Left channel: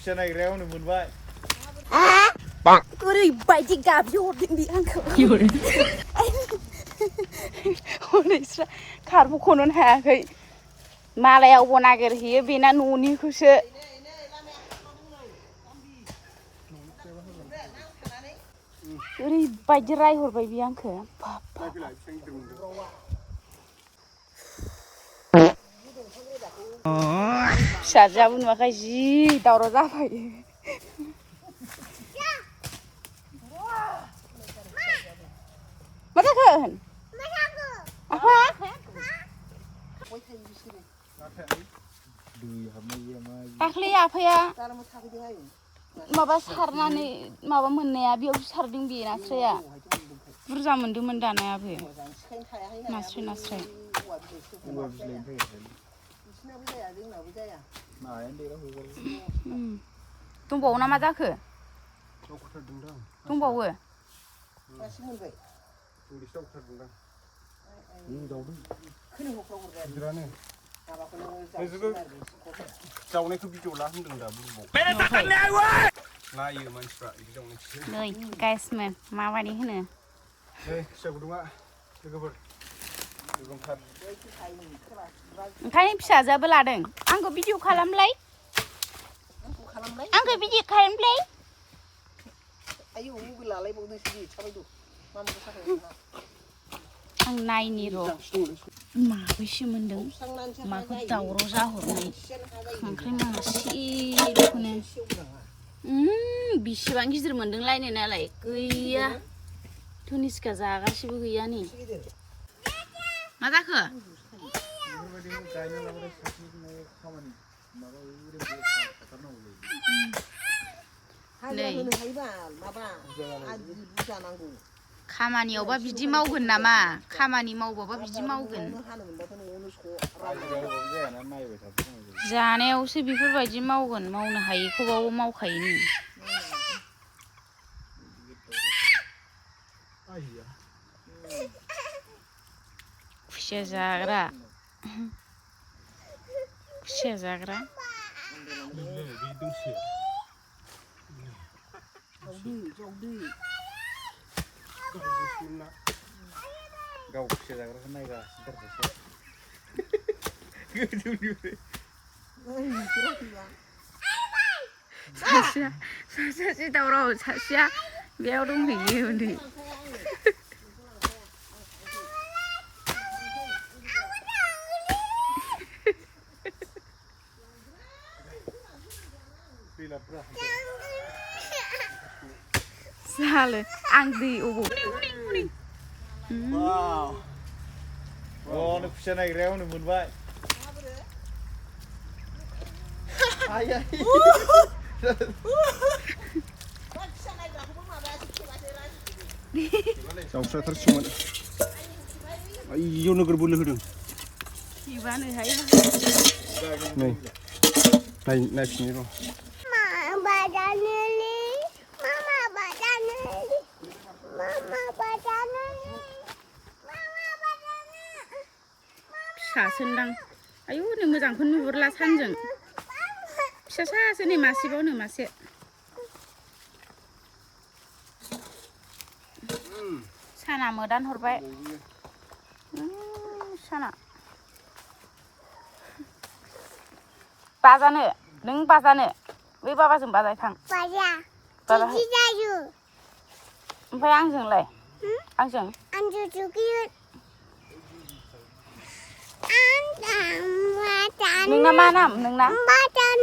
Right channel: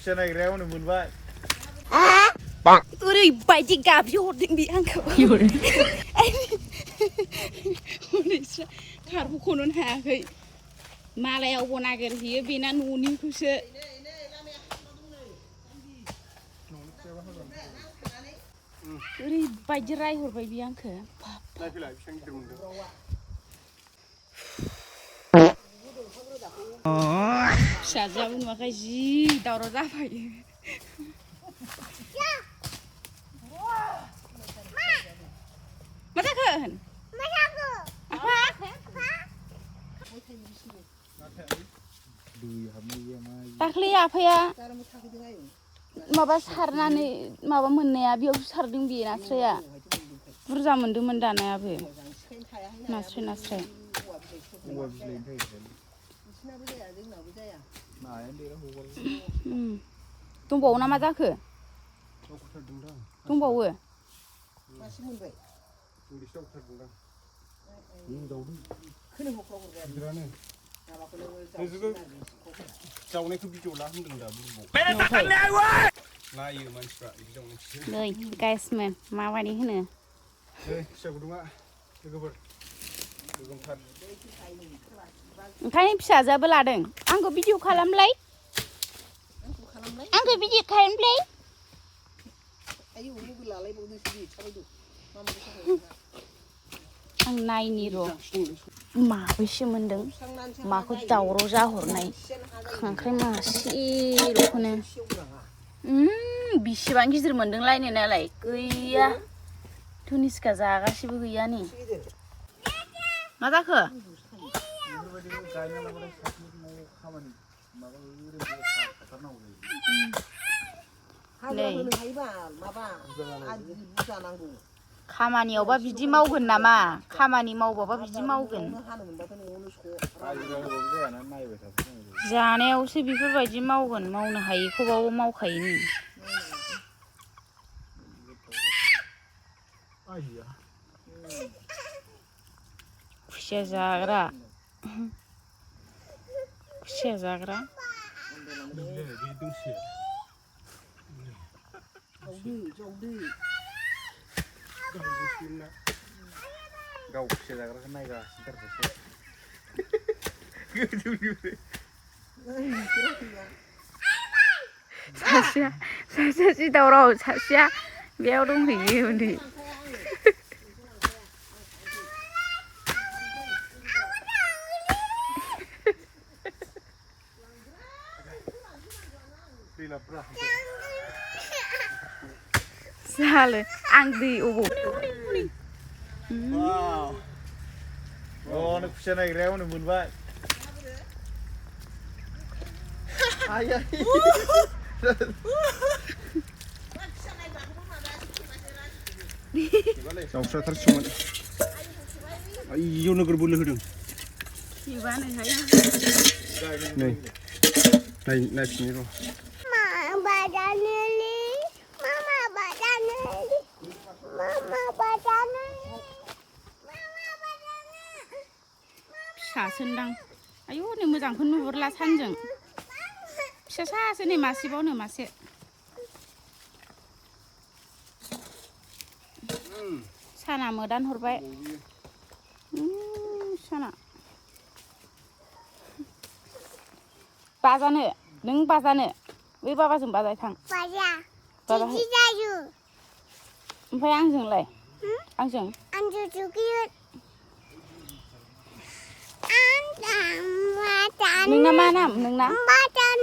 खुसिया नागिरनायावनो मोनबाय ओरैबायदि गाबजों हरदों बे आंखौ हनैस्रा खारबोख'नोनो हायाखै मालायावबो नागिरहैयो बेना न'निखौसो ओरैबायदि रायहरबाय बे आंखौ फिसाजोआबो नुवाखै जि दावराव जाबाय मा जाखो होन दाख्लै आफाया माबा सारनानै माबा मोननाया बेयाव सारदों बे नास्राया बुरजा मोन्दोंमोन दानायाबो नास्राय दंबावो ना मा जाखो दंबावो जावनायखौ भिडिअ ला होनदों दा नायो मानसिफ्रा बिदि जावनायखौ नै गाइसमोन माबायदि होनो खुसिया गुदुङा लोगोफोर गोगोमथार ओंखायनो फिसाजोआबो लादों आंखौ भिडिअ खालामलाय आंखौ भिडिअ खालामलाय आयौ मबाइल लालायबावदोंसो बे थाबायदो मामाखौ साफाय नायनि र' माबैसो मोनदों माखौ दावराव जाहरनाय खांख्राइ मासेल'खौनो बेसेबां गिदिर मोनदों लायनो नालाय गैया धनिस्का जागासिबो गैया नै मा जाखो खामानियावबा बिदि मावगोन नामा खामानि मावबाबा बिदि मावगोन जानायावसो बेफोरबायदि मावगोन मावनो हायैखौबाबो मावखायो खुसिया जाग्रा गाव खुसिया जाग्राखौ नायगासिनो सासेया जि दावराव सासेया बेयाव दंहैयो उन्दै जाले आं दै अबाव खुसिया नागिरनायावनो मोनबाय जावस्राथारसोमोन आयौ नोगोर बोलो होदों नै नायफिनो फिसासोनदां आयु नै मोजांखौनो नुहुरला सानजों फिसा सासो नै मासेबावनो मासे साना मोदान हरबाय साना बाजानो नों बाजानो बै बाबाजों बाजाय थां बिदि जायो ओमफ्राय आंजोंलाय आंजों नोंना मा नाम नोंना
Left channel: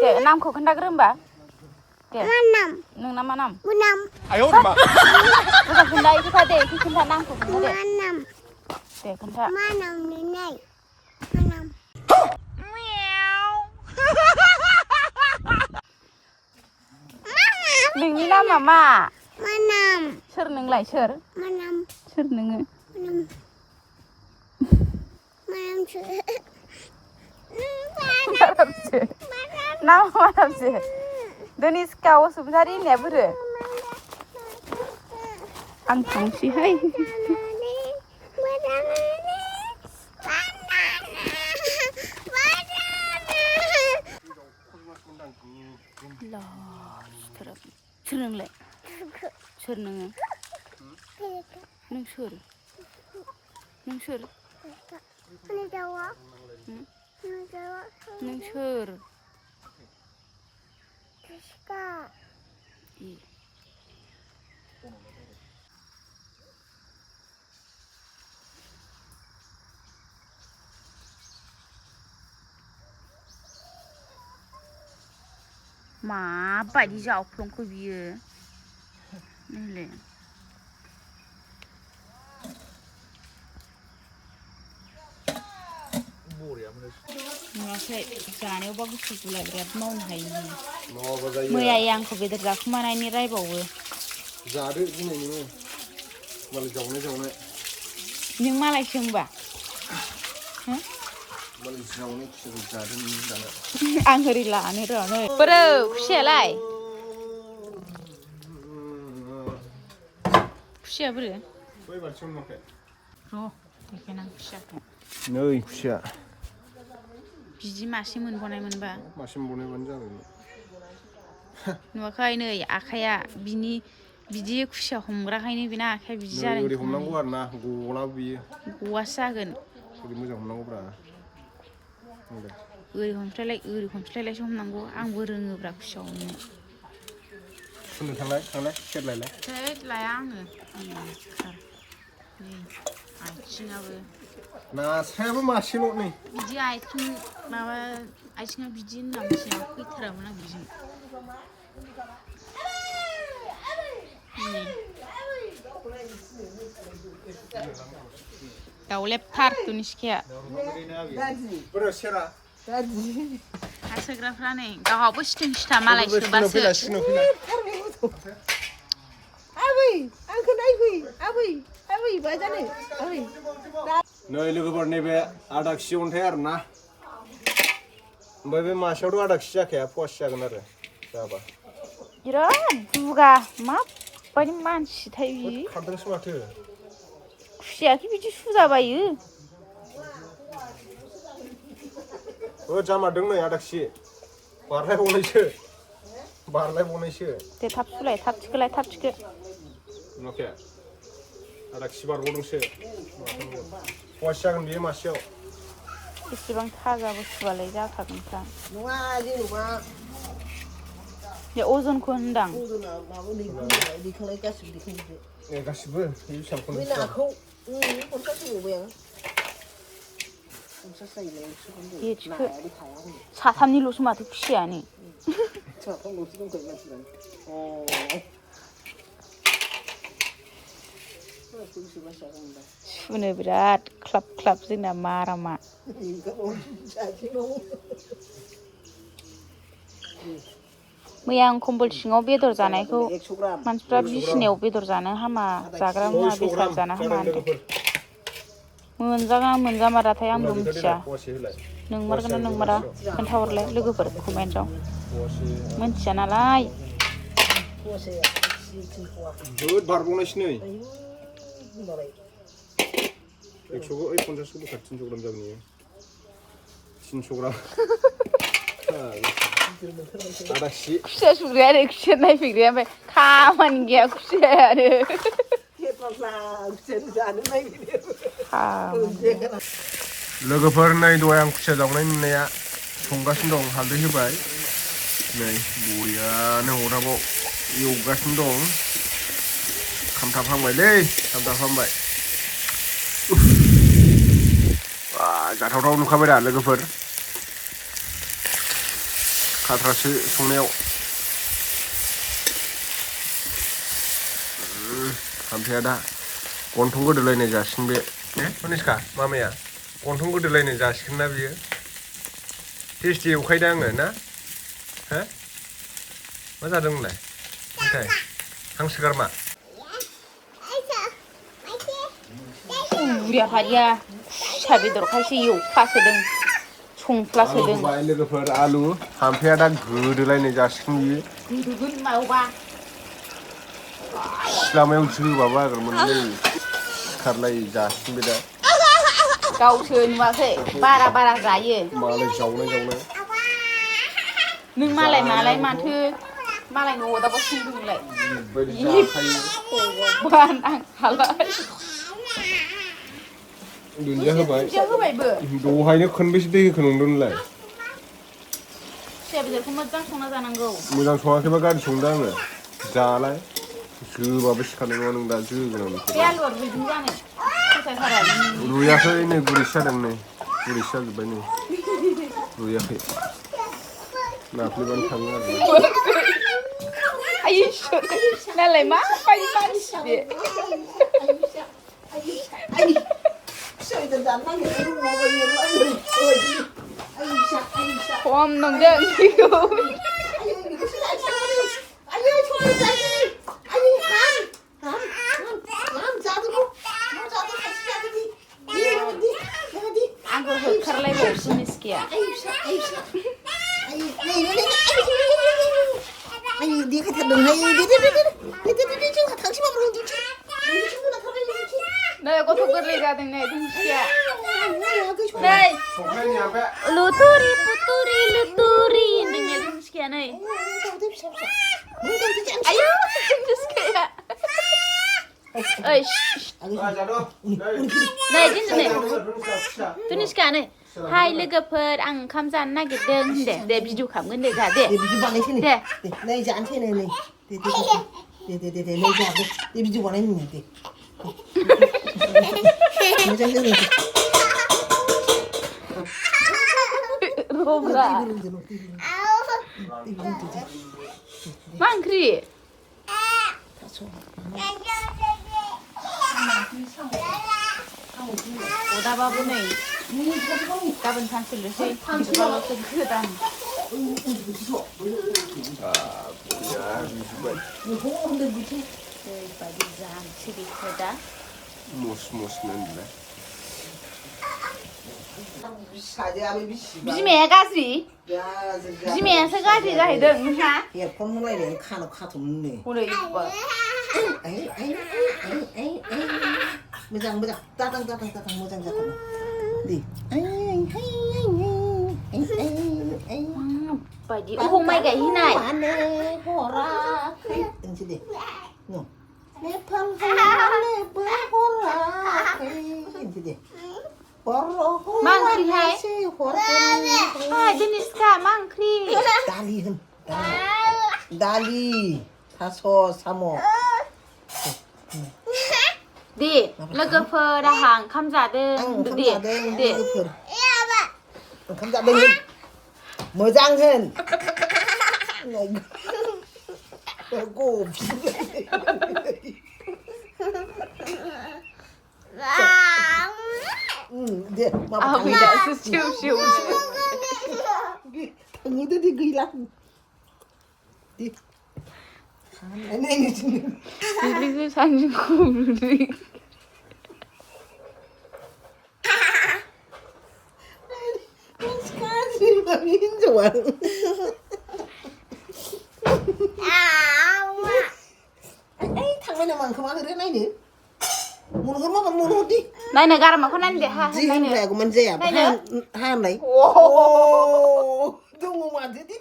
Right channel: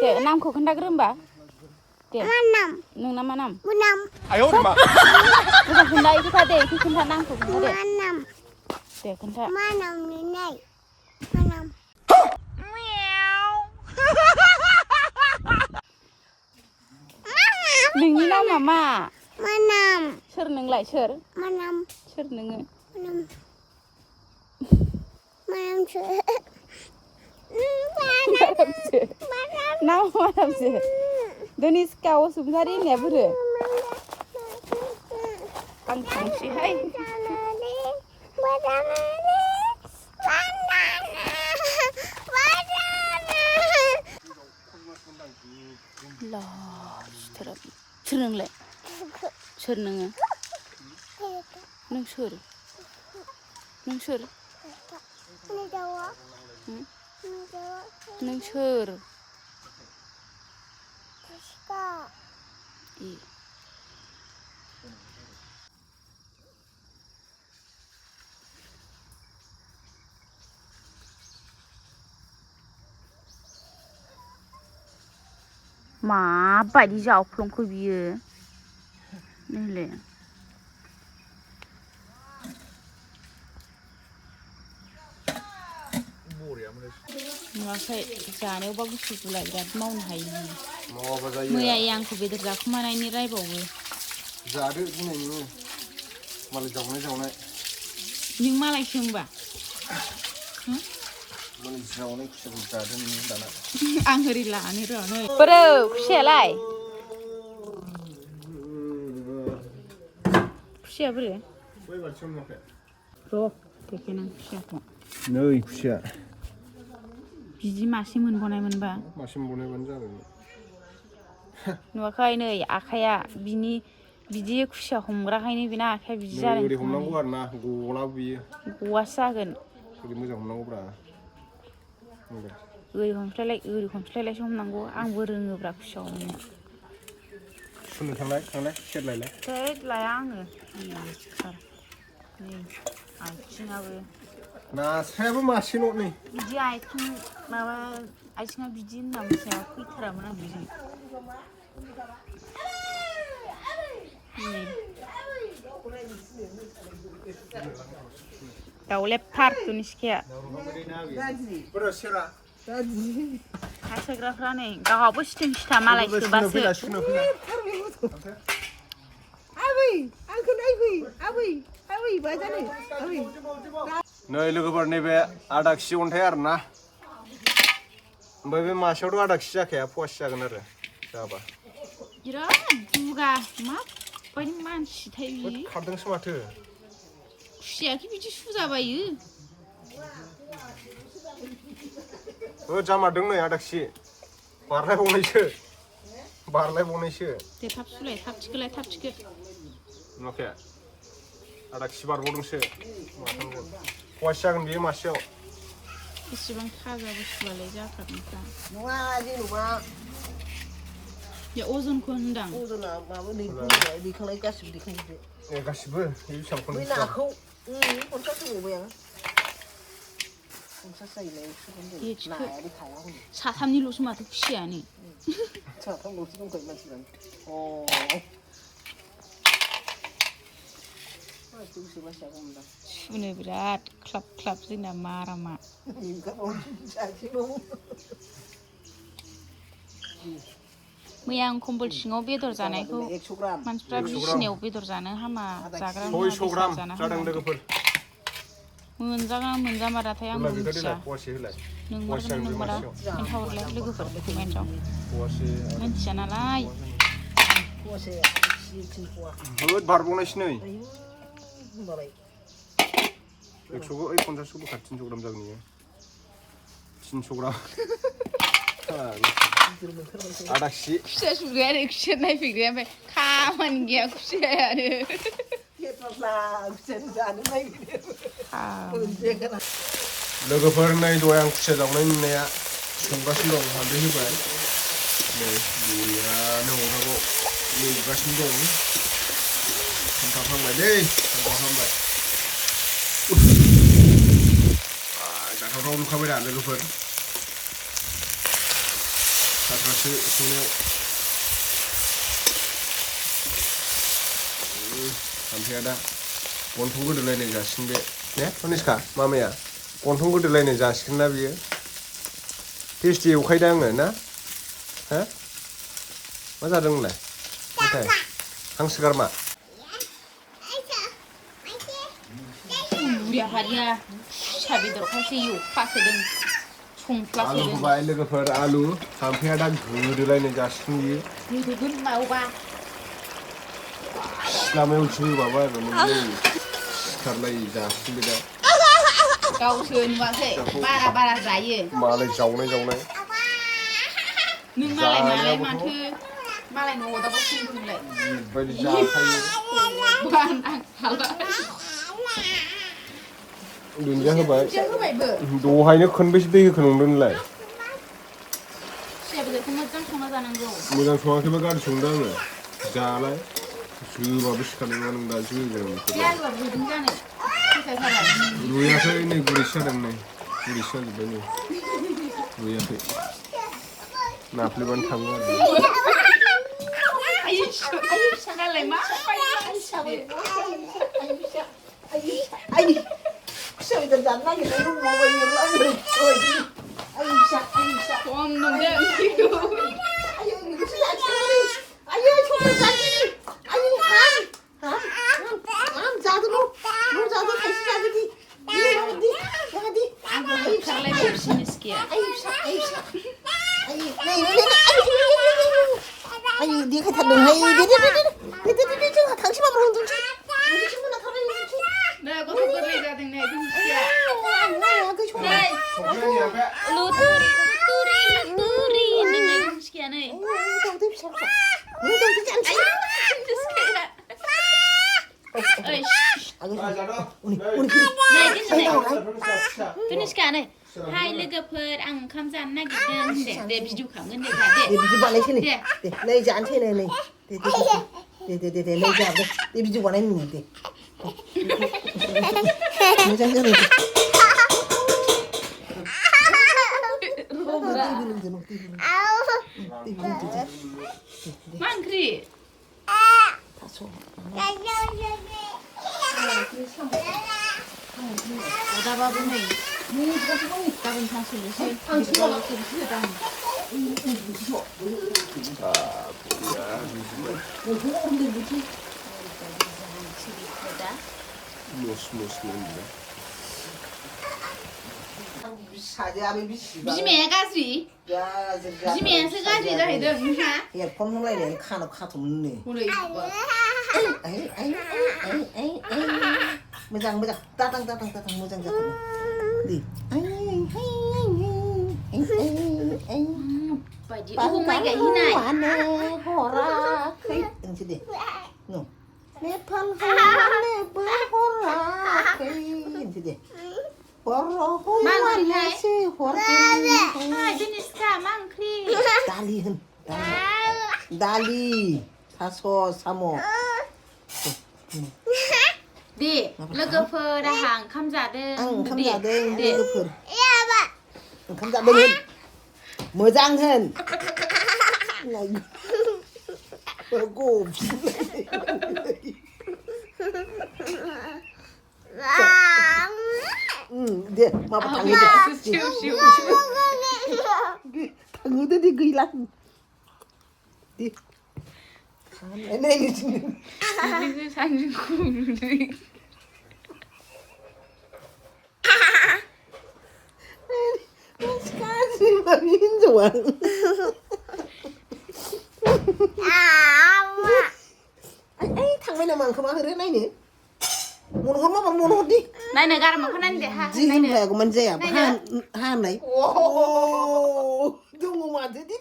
दे नामखौ खोन्थाग्रो होमबा दे नोंना मा नाम आयौ मा खोन्था इदिखा दे खोन्था नामखौ दे खोन्था मा नाम नोंनाय मा नाम नोंनि नामा मा नाम सोर नोंलाय सोर मा नाम सोर नोङो मा नामसो धनिस्का बसुमतारी होननाया बोरो आं थांसैहाय सोर नोंलाय सोर नोङो नों सोर नों सोर नों सोर माबायदि जावफ्लंखो बियो नैलाय नुवाखै जानायावबा गुसु गुला बिराद मावनो हायो मैया आंखौ बेदर जाखुमानायनि रायबावो जादो दिनै नोङो मालाय जावनाय नों मालायसो होनबा मालाय जावनाय खिथाखौ जादों दाना आं ओरै लानो र' नै बोरो खुसियालाय खुसिया बोरो बै बालथिङाव नुवाखै र' देखेनां खुसियाखौ नै खुसिया बिदि मासे मोनबावनाय मोनबा मासे मोनबावनायबानो जाबायमोन नुवाखै नै आखाइया बिदि खुसिया हमग्राखायनो बेना आखाइया बिदि जादों ओरै हमनांगौ आरो ना गलाबो बियो गवासो जागोन ओरै मोजां हमनांगौब्रा ओरै हमस्लायलायसो हमनांगौ आंबो रोङोब्रा खुसिया हमनो सुनो थांलाय सेरलायलाय थै लाया आङो नै आथिङाबो नास्रायाबो मासेल' नै बिदि आथिङा बिदि होनना मिथिया फैथारामोन आं बिजों दाउलेबथार दुनि सिखाया हासोग्राफ्रा नै गावहाबो सिथों सिथा मालाय सोबासो नै लोगोफोर नैबे आधा केजि अन्थाइ आरो ना ओमफ्राय बे मासेयावथ' आधा केजि जाखाया फवासे जागोन आरो जाबा बिराद दुगा माबायदि मानसिथाय बियो खारदोंसो माथो खुसियाखि बिदि सुजाबायो जामारदों नै आधा केजि बारलायबावनायसो दे थाब सुलाय थाब थिखो नुवाखै आधा केजि बारबावदोंसो फवासे जागोन बेयो मासेयाव बेसेबां थाजा बुस्थुआलाय जाखागोनखा नङा जेनेबा बे अजनखौ होनदां अजना माबा दैखांनाय गासिबो दैखांजोबदो गासिबो बै नाखौ पन्सास होबावबाय आं दे थिखो साथामनिल'सो माथो खुसियानो सुनो बिराद ख्लाब ख्लाब जोंना मारामा मैया आं कम्बल सिङाव बेदर जानायखौ मानसिफ्रा बिसिनायाव बेदर जानो हामा जाग्रा मुवा बेसाद जानो हामा मोनजागोन मोनजामाराथाय आंबो मिथिया नोंमारगोन ना नोंमारा खोन्थाहरलाय लोगोफोर कमेन्टआव मिथिया नालाय बारबावनायसो नै 150 बोखार 300 ग्राम जागोन इयो 300 ग्राम आधा केजि खुसिया सुग्रायानो खुसिया नायफैग्राया ओमफ्राय खामानि गैया खुसियायानो लोगोफोर नै दहाय आं खुसिया जावनाय नुनाया संगासिनो दं हालदै होबाय नै बरियानो अरदाबाव एवगासिनो दं खामथाबहांबायलै खामथाबहांबाय जाथावथाव नुखाबाय दा लोगोफोर खाथ्रासो संनायाव खामथाया दा गन्थं गोदोलायनाय जासिगोन बे ने कनिष्का मामाया गन्थं गोदोलायनाय जासिगोन ना बियो टेस्टि एवखायदा आङो ना हो मा जादोंमोनलाय नाथाय हांसो गारमा बुरिया हारिया खुसिया बेदरखायसो एवफ्लासोदों संफ्लासोदों लोगोफोर आलु खामथाया दा गोदोलायनाय जासिगोन बियो गोदोगोन मावबा सिलामायाव जोबाबा आरो मोनलाय सिखारलाय जासिगोन बे दा गावसो नुवाखै बारा जायो मालाय जावनाय नों मालाय माथो मालाय न'आव दाबा फुदोंलाय बायदि जाखायो बान आं हालाय दुन्दिया होबाय दुन्दिया होबायबो दहायनो खनबेसे दै होखो नंदों नोंलाय खुसिया बेदरखौ मोजां संना जानांगौ मोजां सङाखैबा गाज्रि संदों आङो जालाय जोबाबो सिखारनाय नङा नों दा जोगोन आं बे आलुआ रुइदों जानो फैसायफोरा रुयाखै नै गुरैसो जादों नै गुरैसो जाजोब्बाय नै रुयाखै नाफ्लेबानो थाङो आरो आयै नालाय मा बायदि मानसि बे खम नंदों बेखौ आंखौ होखारलायबावसो मिस्किया आयु देखायथारदोंहाय जोंहा थांसै माबा उन्दुनोसै नै गथ' गोरलै जादों नै मिस्किया नै लुतुरि पुतुरि लुतुरि होनदों नै मिस्किया नै आयु मिस्किया ओइ नै दिनै तुनिस्का नै हाय लोगोफोर आं ओंखाम जानो नागिरदों दे भिडिअ खालामगोन दे जा दे बिदि बानायसै दे नै जानोसै नै नै दे नै जाबो दे भिडिअ बानायनो दे मोजां जों मा ओंख्रि अदाबाबो नै गाबोन सानसेल'सै बिदिबाल'सो गोदान जानोसै बेखौ दा मस मोनला बिमाया गाज्रि बिमायासो गाज्रि जाहैदों नोंहा एरफन होलायनानै खानाव खाथ'नो हनै मोजां दादां मोजां जाथारगौ बायदि अबाव माइ गायहैनाय हराखै होनसै दे नेपाल हरनोबो हराखै होनसै दे मा ओंख्रिहाय दिनिस्का मा ओंख्रि दालि होन दालि थास' साम' दे लोगोफोर आंहा ओंखाम जादों ओंखाम जादों लोगोफोर ओंखाम जादों होन मोजां होन दे माबा थाङो दे गैला दे हिन्जावा थांबाय नामा आंखौ मा होरो नायनो मनहर माबा मनहरदि नायनो गारामाखौ नायनो दे जि होनलायागौमोन जाया हानाय दङ माथो दे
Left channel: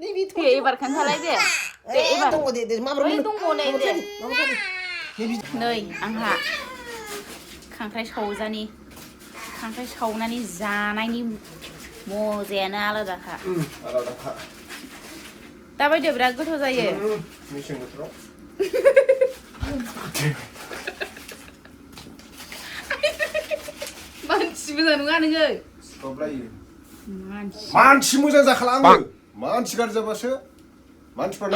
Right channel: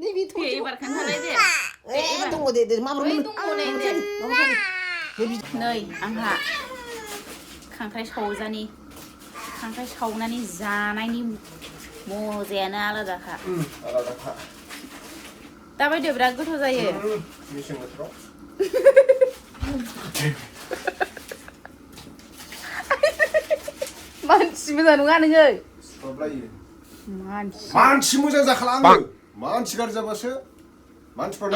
नैबे एबार खोन्थालाय दे दङ दे माब्रै नै आंहा खांख्राइ सावनानै जानायनि मजायानो आलादाखा दाबायदियाव बिराद गोथाव जायो मेसें बोथोराव मानसि मोजां नङा नोङो मानसि मोजां जाखाला आङो मानसि गाज्रि जाबासो मानसिफ्रा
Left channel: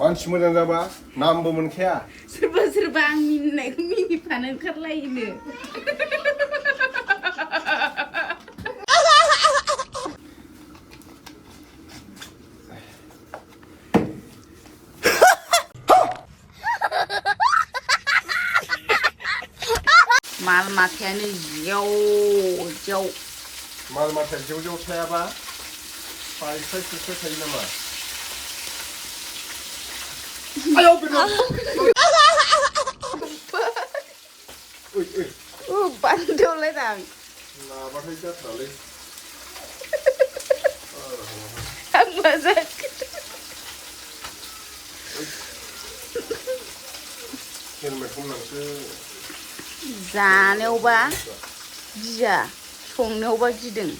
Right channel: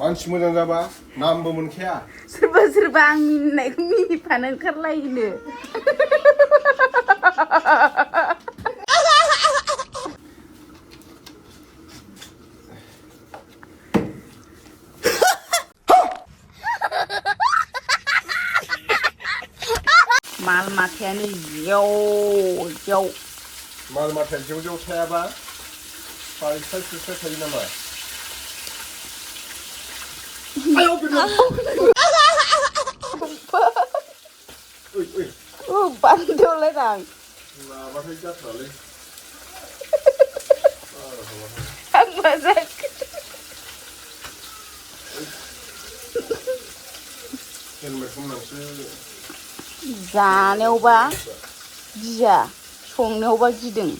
मानसि मोजां जाबा नामबो मोनखाया सोरबा आं मिनिनायखौ मिनिफानो ओंखारलायोनो माल माथायानो जेव माल माथाया जेव थायाबा स्राय थायो नामा बान्दोलाय आं माबाथाय जाथारालै मोजां जानायावबा गिया संनायावबा गिदों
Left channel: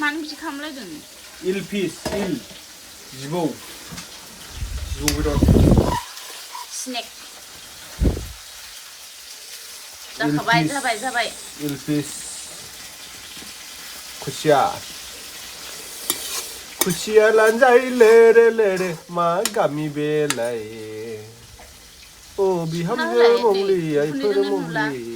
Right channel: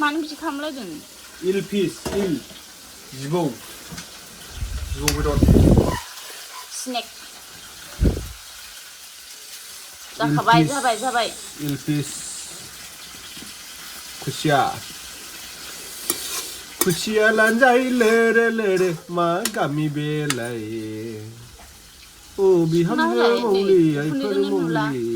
मानो बिदि खालामलायदों इल फिस इल जिबौ बेदर स्नेक जाखाबाय जाबाय इल फिस खुसिया लानजाय लेरे लेरे मा गामि बेलाय ओ बिहामजो मंगली आइफोर मंगली